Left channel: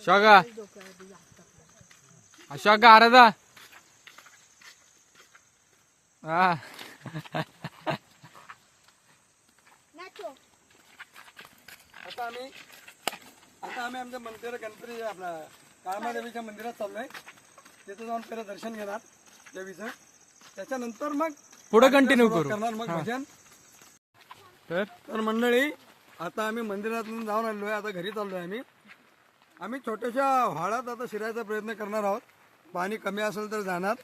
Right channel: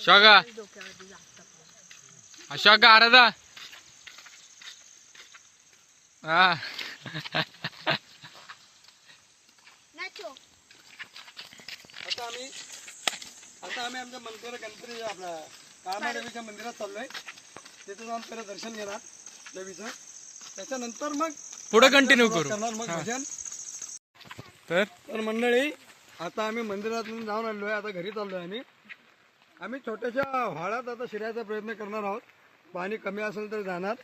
शोगा. शोगा आराधा. हा. नाचो. आता आम्ही आता आम्ही आमच्या मंदिर गणपती आपल्या काळमादेवीच्या मंदिरात चाललोय. तिथे जाऊन पहिलं दर्शन घेणार देवीचं. त्याच्यानंतर मग पुढे कंटिन्यू करू. करणार मग भजन. तर? तर मंडळी आता आम्ही मंदिरातून जाऊन आलोय आता घरी चाललोय आम्ही. आम्ही छोट्याशा व्हाळात आता शिरायचा प्रयत्न करणार आहोत. पाणी कमी असेल तर जाणार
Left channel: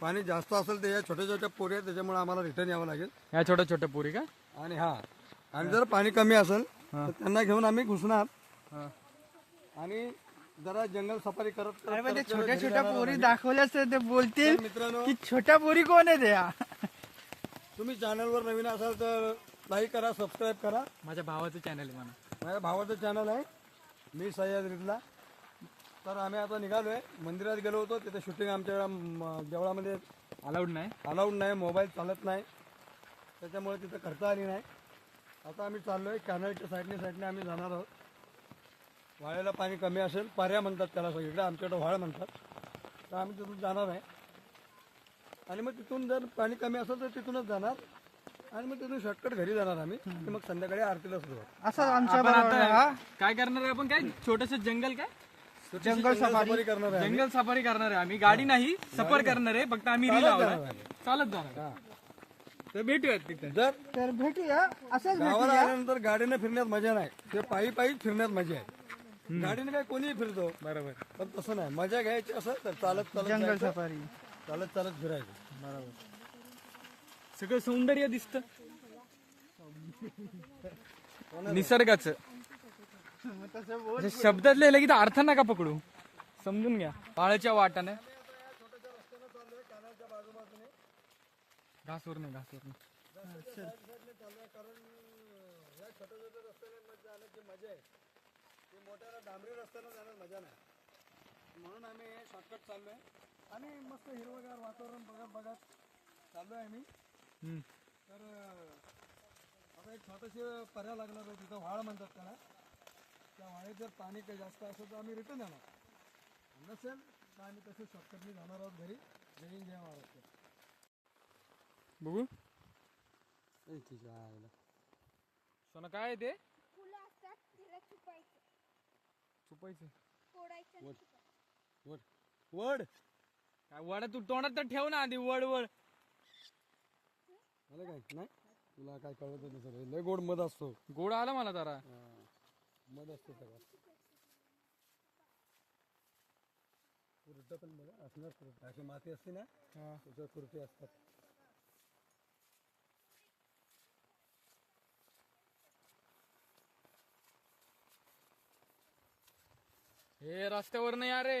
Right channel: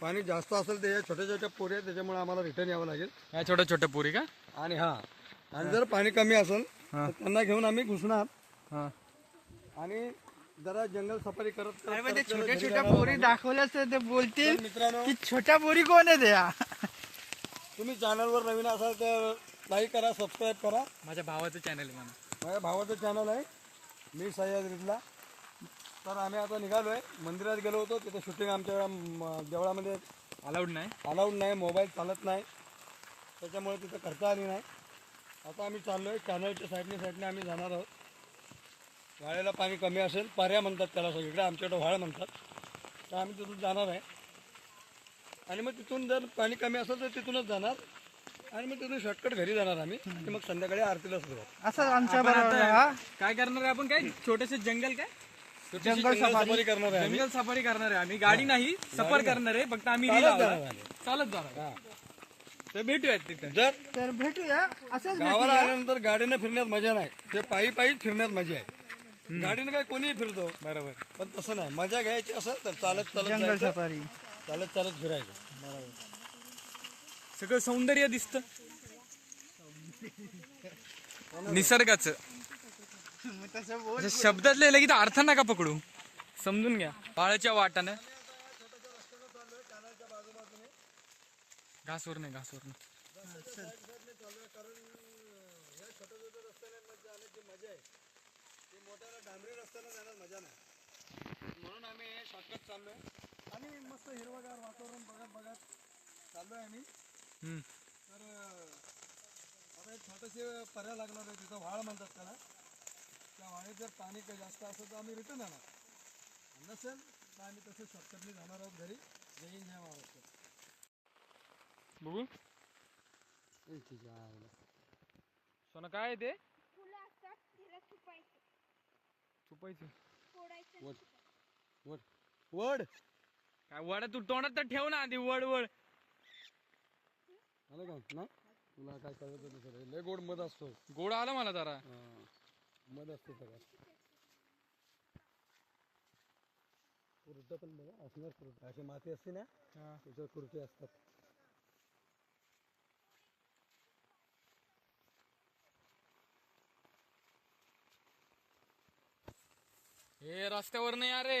पाणी जास्त असेल तर या छोट्या छोट्या पोरी आहेत त्याच्यामुळे आम्हाला रिटर्न यावं लागेल. या छोट्या छोट्या पुरी का? आणि हा आणि जर पाणी कमी असेल तर त्यांना घेऊन आम्ही घुसणार. आणि जरा जंगल सफारी करत म्हणजे करत छोट्या छोट्या पोरी तर ते बोलतील तर मित्रांनो की छोट्या पोरी कोण आहे त्या तुम्ही चॅनलवर नवीन असाल तर लाईक करा सबस्क्राईब करा. माझ्या भावाचं चॅनल आहे म्हणा. माझ्या भावाचं चॅनल आहे. मी सह्याद रिजला तर आम्ही आता निघालोय. मंदिरात गेलो होतो. तिथे शूटिंग आमच्या म, देवळामध्ये अलाउड नाही. अलाउड नाही. मोबाईल चालत नाही. त्याच्यामुळे तिथं करता आली नाही. आता आम्ही चाललोय. कॅनलच्या साईडने साईडने आम्ही जाणार आहोत. वाळ्याला पाणी कमी असेल. पाऱ्या म्हणतात त्याला सगळीकडे. आमच्याकडे व्हाळ म्हणतात. तर आम्ही तिथून जाणार आहे. आणि मग तिथून जर पाणी कमी असेल तर तिथूनच जाणार. आणि मग तिथून शॉर्टकट घरी जाणार आम्ही. आणि मग संध्याकाळी आरतीला सुरुवात. असं आमच्या आपण बरोबर आता हा. काय करणार आहे आपण? काय छोटस जंगल काय? जंगल सफारी. करणार आहे आम्ही. जंगल सफारी करणार आहे आम्ही. गाडी नाही सफर करणार आहे. फक्त आम्ही रील चालत जाणार आहे. चालत जाणार हा. तर भेटूयात तिथे. जर तर भेटूया. असंच गावाला आल्यानंतर गाडीने फिरण्यात मजा नाही. ते पायी पायीच फिरण्यात मजा आहे. गाडीने काय कोणीही फिरतो. बरोबर. पण तसं नाही. मजा घ्यायची असेल तर चालत चालत जंगल जायचं, सफारी. चालत चालत फिरायचं. सगळं सौंदर्य दिसत. निसर्गाचं. असं शब्दात लिहिलं की तो अर्थ नका पकडू. समजून घ्या. पाळच्या वाटानं. घासवर नाही मजा नाही म्हणून आम्ही शॉर्टकट चाललोय. आणि मस्त हिरवगार वातावरण बघत बघत चाललोय आम्ही. हम्म. तर अं, आता एक छोटेसे पर्याय लागणार आहे तिथं व्हाळ म्हणतात त्याला. त्या व्हाळीत जर पाणी काही जास्त असेल तर आम्ही रिटर्न जाणार. नसेल तर आम्ही तसं शॉर्टकटने जाणार आहोत घरी. जय हिंद जय महाराष्ट्र. बघू. आहे. सोनं काय आहे ते? फुलं असतात तिला छुपायचं. चुपायचं फोडायचं आणि वर. छुपायचं. वड वड. काय वडा तू तोंडात तर ठेव ना आधी वड वड. आलं काय? नाही? तुला काय कळत नसेल लय गोड मध असतो. गोड आला मला जरा. हा. मध असतो सगळं कुरट पण बघा असणार कुरट. अशी माती असते ना त्याच्यावर कुरटे असतात. हे रस्त्यावर नाही अरे.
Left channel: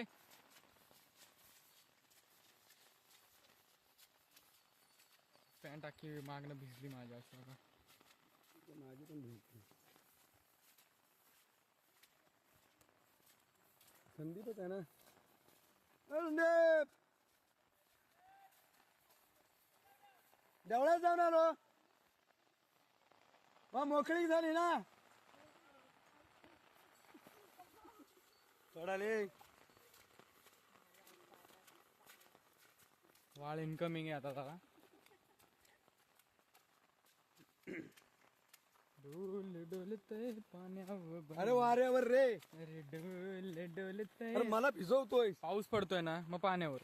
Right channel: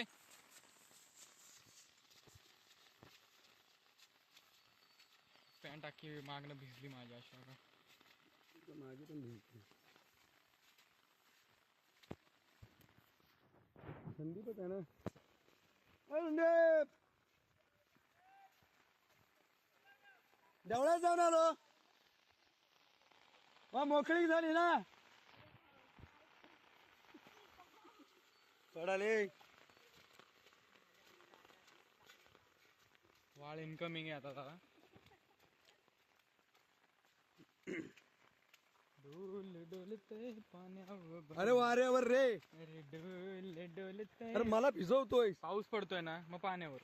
पॅन्ट टाकी मागणं भिजली माझ्या अशा का माझी पण भिजली. संदीपच आहे ना? संदीप! देवळात जाऊन आलो. मग मोकळी झाली ना? चढाले वाळ इन्कमिंग आहे आता जरा. डोल डोलतय पाण्यावर अरे वाऱ्यावर रे. अरे डोल डोलतय. अरे मला भिजवतोय. पाऊस पडतोय ना मग पाण्यावर.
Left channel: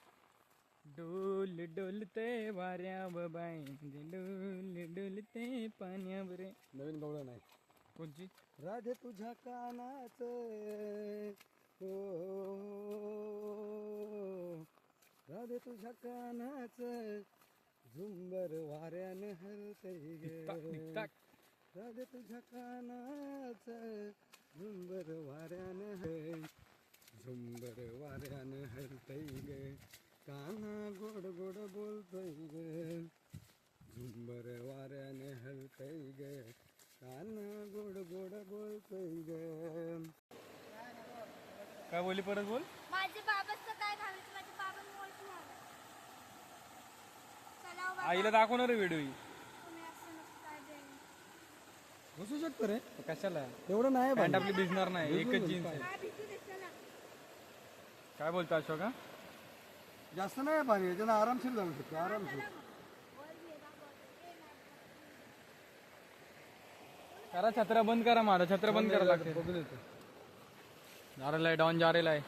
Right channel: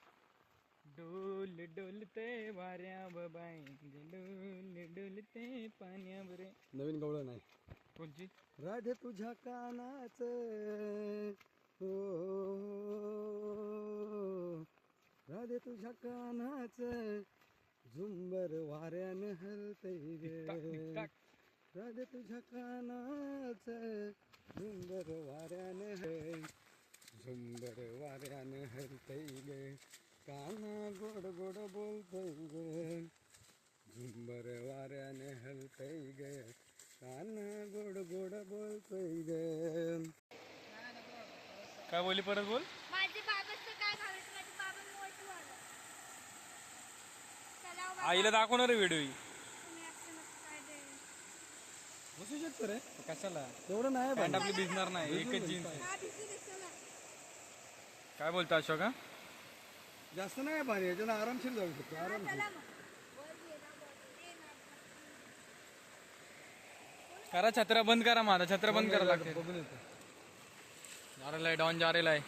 डोल डोलतय वाऱ्या बाबाई डोल डोलतय पाण्यावर. नवीन गवळण नाही कोणती? राधे तुझ्या कानाच. हो राधे तुझ्या कानाच. झुंबर वाऱ्यानं हलतय ग. राधे तुझ्या कानाच झुंबर वाऱ्यानं हल झुंबर वाऱ्यानं हलतय ग. काना गोड गोड बोलतोय ग. झुंबर वाऱ्याने हलतय ग. काना गोड गोड बोलतोय ग. काय बोली परत बोल? माझे बाबाचं काय घालायचं आईला दाखवणार व्हिडिओ बसू शकतो रे. कशाला? एवढं नाही पॅन्ट आपली भिजणार नाही एकच जीन्स आहे. काय बोलतो अशोका जास्त नाही पाणी याच्यानं आरामशीर जाऊ शकतो आरामशीर. करा छत्र्या बंद करा माझा छत्र बंद करा लागते बघून येतो. जा रेला आहे डॉन जा रेला आहे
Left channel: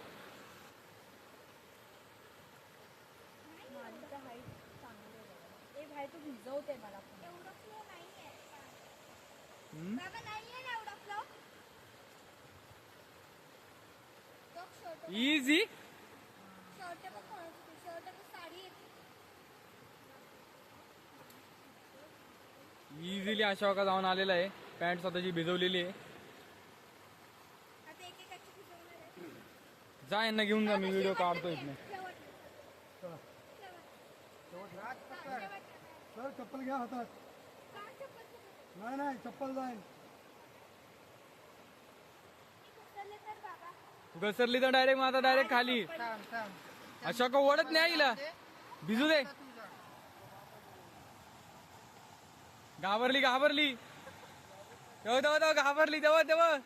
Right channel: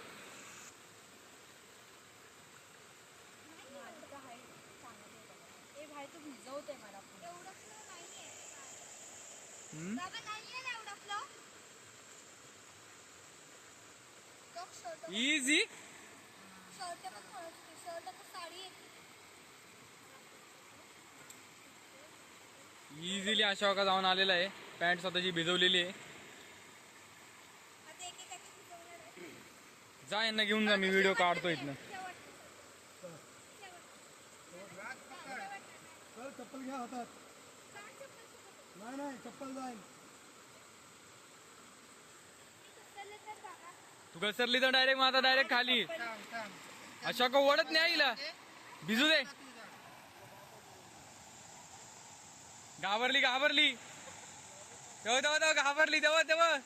इझी इझिली अशोका जाऊन आलेला आहे. पॅन्ट स्वतःची भिजवलेली आहे. जा यांना घेऊन जा मी व्हिडिओ काढतो इथनं. चप्पल घ्या हातात. नाही नाही चप्पल जाईल. तू घसरली तर डायरेक्ट माझा डायरेक्ट खाली. अशोका ओढत नाही आईला. भिजू दे. घाबरली घाबरली. तेव्हा तेव्हा तेव्हा घाबरली तेव्हा तेव्हा.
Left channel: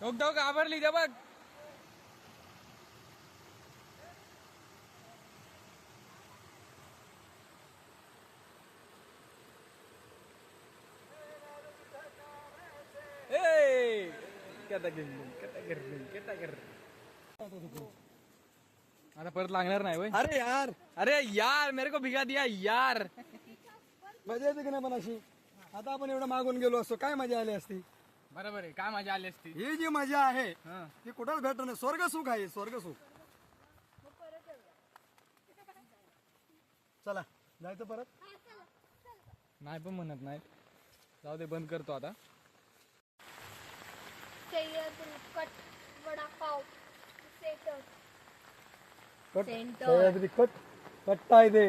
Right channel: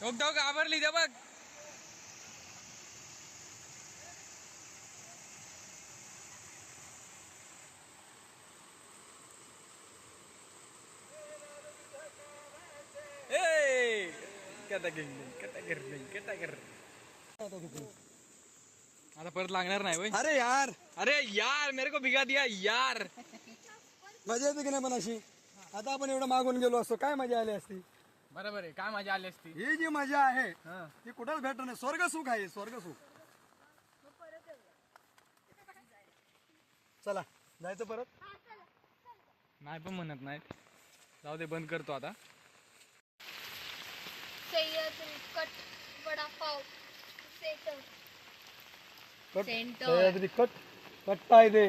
तेव्हा तेव्हा घाबरली तेव्हा. कथा कथा कथा आता परत लागणार नाही वय अरे यार. अरे यार मेरे को भिगा दिया यार. मजा येते की नाही पण अशी आता आपण एवढं मागून गेलो असतो काय मजा आली असती? बरोबर आहे काय मजा आली असती? ही जी मजा आहे ती कुठंच भेटत नाही. स्वर्ग सुख आहे स्वर्ग सुख. चला जायचं परत? नाही पण म्हणत नाही. जाऊ दे बंद करतो आता. Sahyadri cut vada pav center. Cut. Sahyadri आहे ते